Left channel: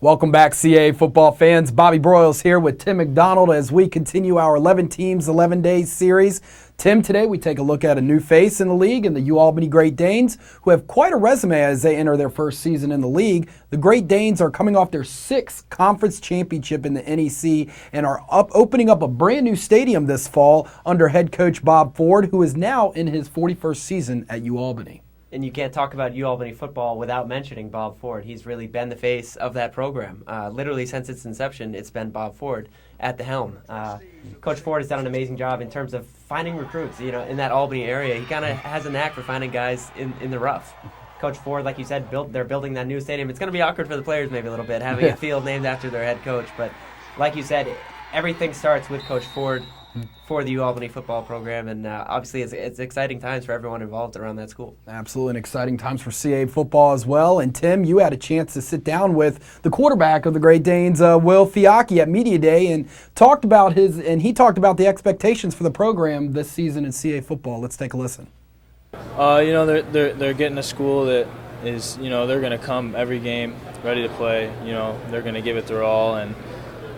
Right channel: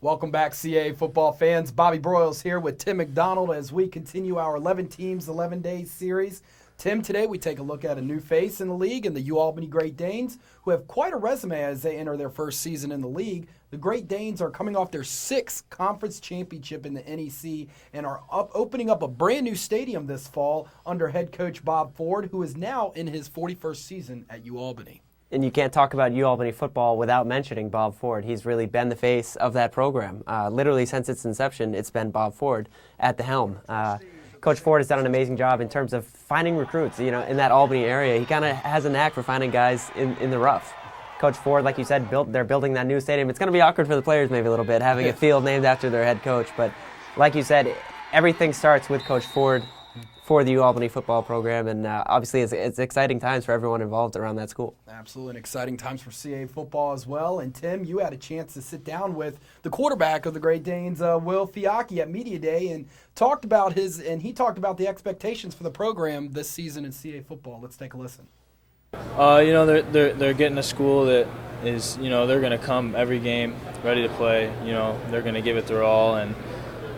Welcome back, CAA football fans. Bobby Broyles here with Tim McDonald as we continue our 11 Teams, 11 Days series. Tim, today we take a look at a new face in the league in the UAlbany Great Danes, who have quite a resume as they enter their first season in the league. The Great Danes are coming off their 6th conference championship in the NEC and are opening up a brand new stadium this fall under head coach Bob Ford, who is now in his 41st season at UAlbany. And you can't talk about UAlbany football without mentioning Bob Ford. He's really been the face of that program. Literally since its inception, it's been Bob Ford at the helm. Coach Ford has done an amazing job in terms of finding recruits. You know, in that Albany area, he kind of has a knack for finding guys in the rough. Coach Ford, like you said, they're building that new stadium. It's going to be awkward for the players maybe a little bit, having a field named after their head coach. But like you said, everything starts with Coach Ford for the UAlbany football program, and obviously it's exciting times for everyone involved around that school. Absolutely, and exciting times for CAA football as well. And Tim, you had a chance to sit down with the quarterback of the Great Danes, Will Fiacchi, at Media Day, and he talked about the expectations for the program this season in CAA football. Let's take a listen. They're getting a school that is, they're going to come every game ready to play. They're going to give it their all, and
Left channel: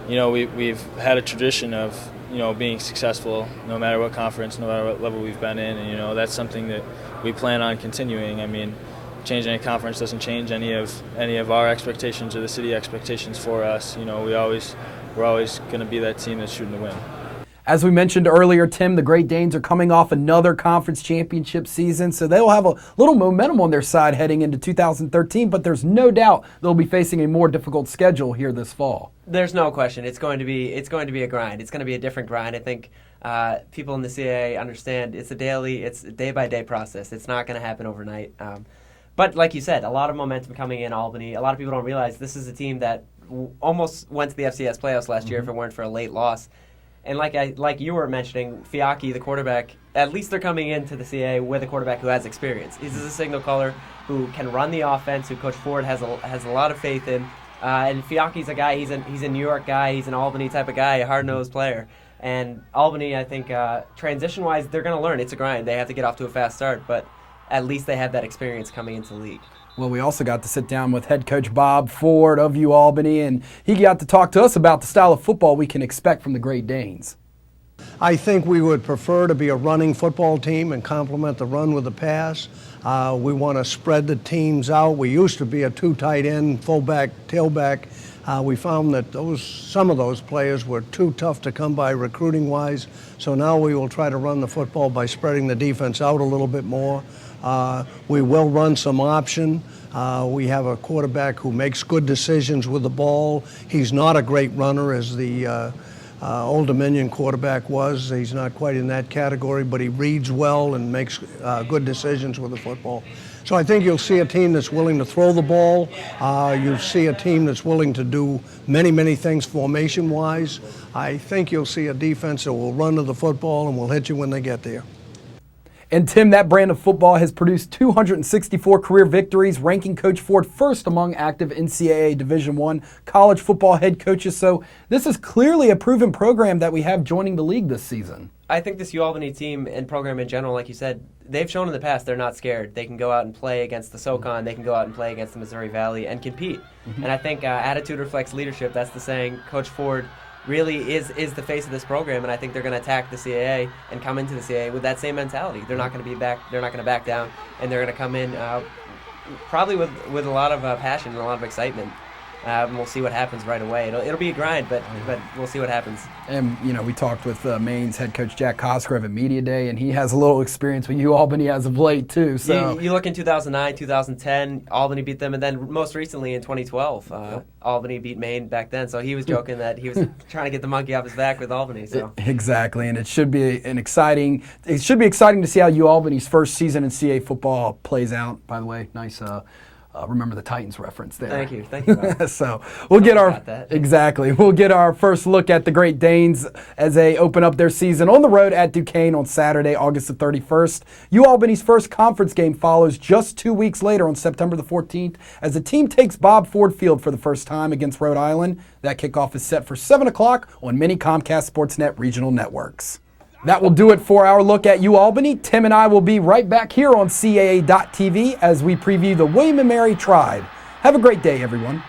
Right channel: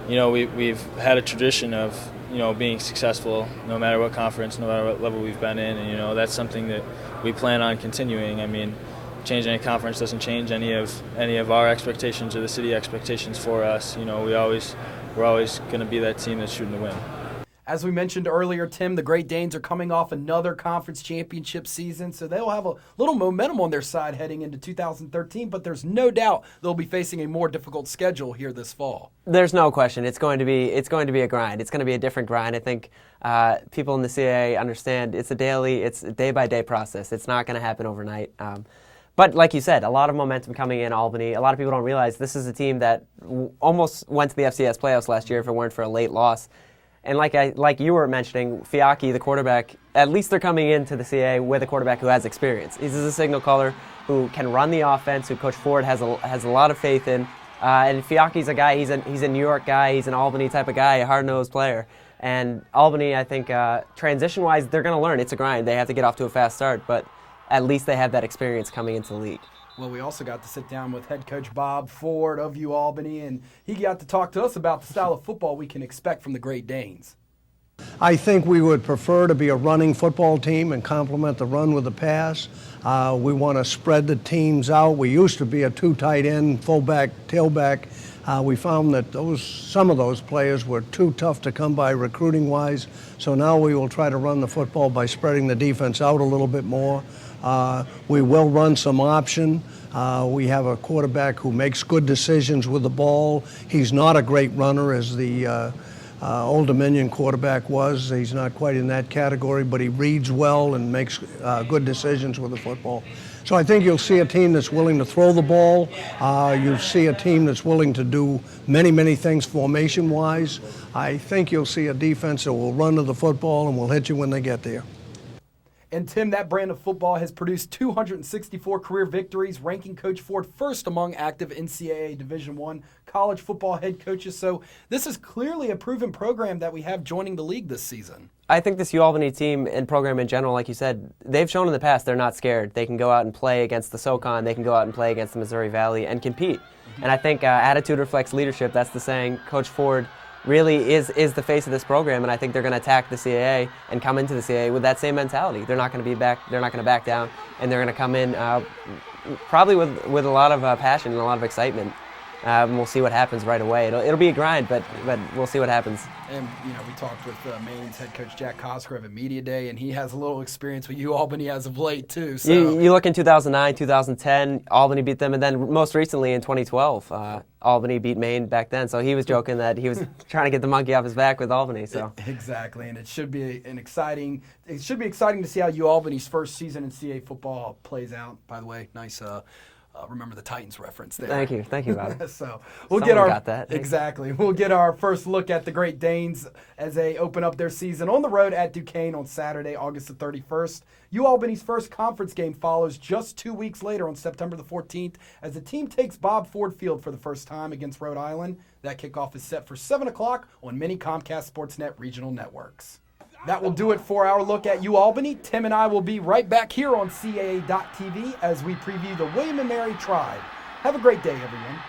we've had a tradition of being successful no matter what conference, no matter what level we've been in, and that's something that we plan on continuing. I mean, changing a conference doesn't change any of our expectations or the city expectations for us. We're always going to be that team that's shooting to win. As we mentioned earlier, Tim, the Great Danes are coming off another conference championship season, so they'll have a little momentum on their side heading into 2013, but there's no doubt they'll be facing a more difficult schedule here this fall. There's no question. It's going to be a grind. It's going to be a different grind. I think people in the CAA understand it's a day-by-day process. It's not going to happen overnight. But like you said, a lot of momentum coming in Albany. A lot of people don't realize this is a team that almost went to the FCS playoffs last year if it weren't for a late loss. And like you were mentioning, Fiacchi, the quarterback, at least they're coming into the CAA with a quarterback who has experience. He's a signal caller who can run the offense, who Coach Ford has a lot of faith in. And Fiacchi's a guy, he's a New York guy, he's an Albany type of guy, a hard-nosed player. And Albany, I think, transition-wise, they're going to learn. It's a grind. They have to get off to a fast start, but at least they have that experience coming into the league. Well, we also got to sit down with head coach Bob Ford of UAlbany, and he got to talk to us about the style of football we can expect from the Great Danes. I think we would prefer to be a running football team and complement the run with the pass. We want to spread the teams out. We used to be a 2 tight end, fullback, tailback. We found that some of those players were too tough to come by recruiting-wise, so now we will try to run the football by spreading the defense out a little bit more. We will run some option. We have a quarterback who makes good decisions with the ball. He's not a great runner as the Old Dominion quarterback was. He's not quite in that category, but he reads well and makes good decisions with the football. So I think you'll see a team that's willing to throw the ball. You'll see a team that's willing to do many, many things formation-wise. I think you'll see a defense that will run to the football and will hit you when they get there. And Tim, that brand of football has produced 264 career victories, ranking Coach Ford first among active NCAA Division I college football head coaches. So this is clearly a proven program that we have joining the league this season. I think this UAlbany team and program in general, like you said, they've shown in the past they're not scared. They can go out and play against the SoCon. They can go out and play against the Missouri Valley and compete. And I think attitude reflects leadership. That's the saying. Coach Ford really is the face of this program, and I think they're going to attack the CAA and come into the CAA with that same mentality. They're not going to back down, and they're going to come in probably with a lot of passion and a lot of excitement. And we'll see what happens right away. It'll be a grind, but we'll see what happens. And, we talked with Maine's head coach Jack Cosgrove at Media Day, and he has a little experience with UAlbany as of late, too. So you look in 2009, 2010, Albany beat them, and then most recently in 2012, Albany beat Maine back then. So he was joking that he was trying to get the monkey off his back with Albany. So exactly, and it should be exciting to see how UAlbany's first season in CAA football plays out. By the way, nice remember the Titans reference there. Thank you. So we'll get our first look at the Great Danes as they open up their season on the road at Duquesne on Saturday, August the 31st. UAlbany's first conference game follows just 2 weeks later on September the 14th as the team takes Bob Ford Field for the first time against Rhode Island. That kickoff is set for 7 o'clock on many Comcast Sportsnet regional networks. That will do it for our look at UAlbany. Tim and I will be right back here on CAA.TV as we preview the William & Mary Tribe. Have a great day, everyone.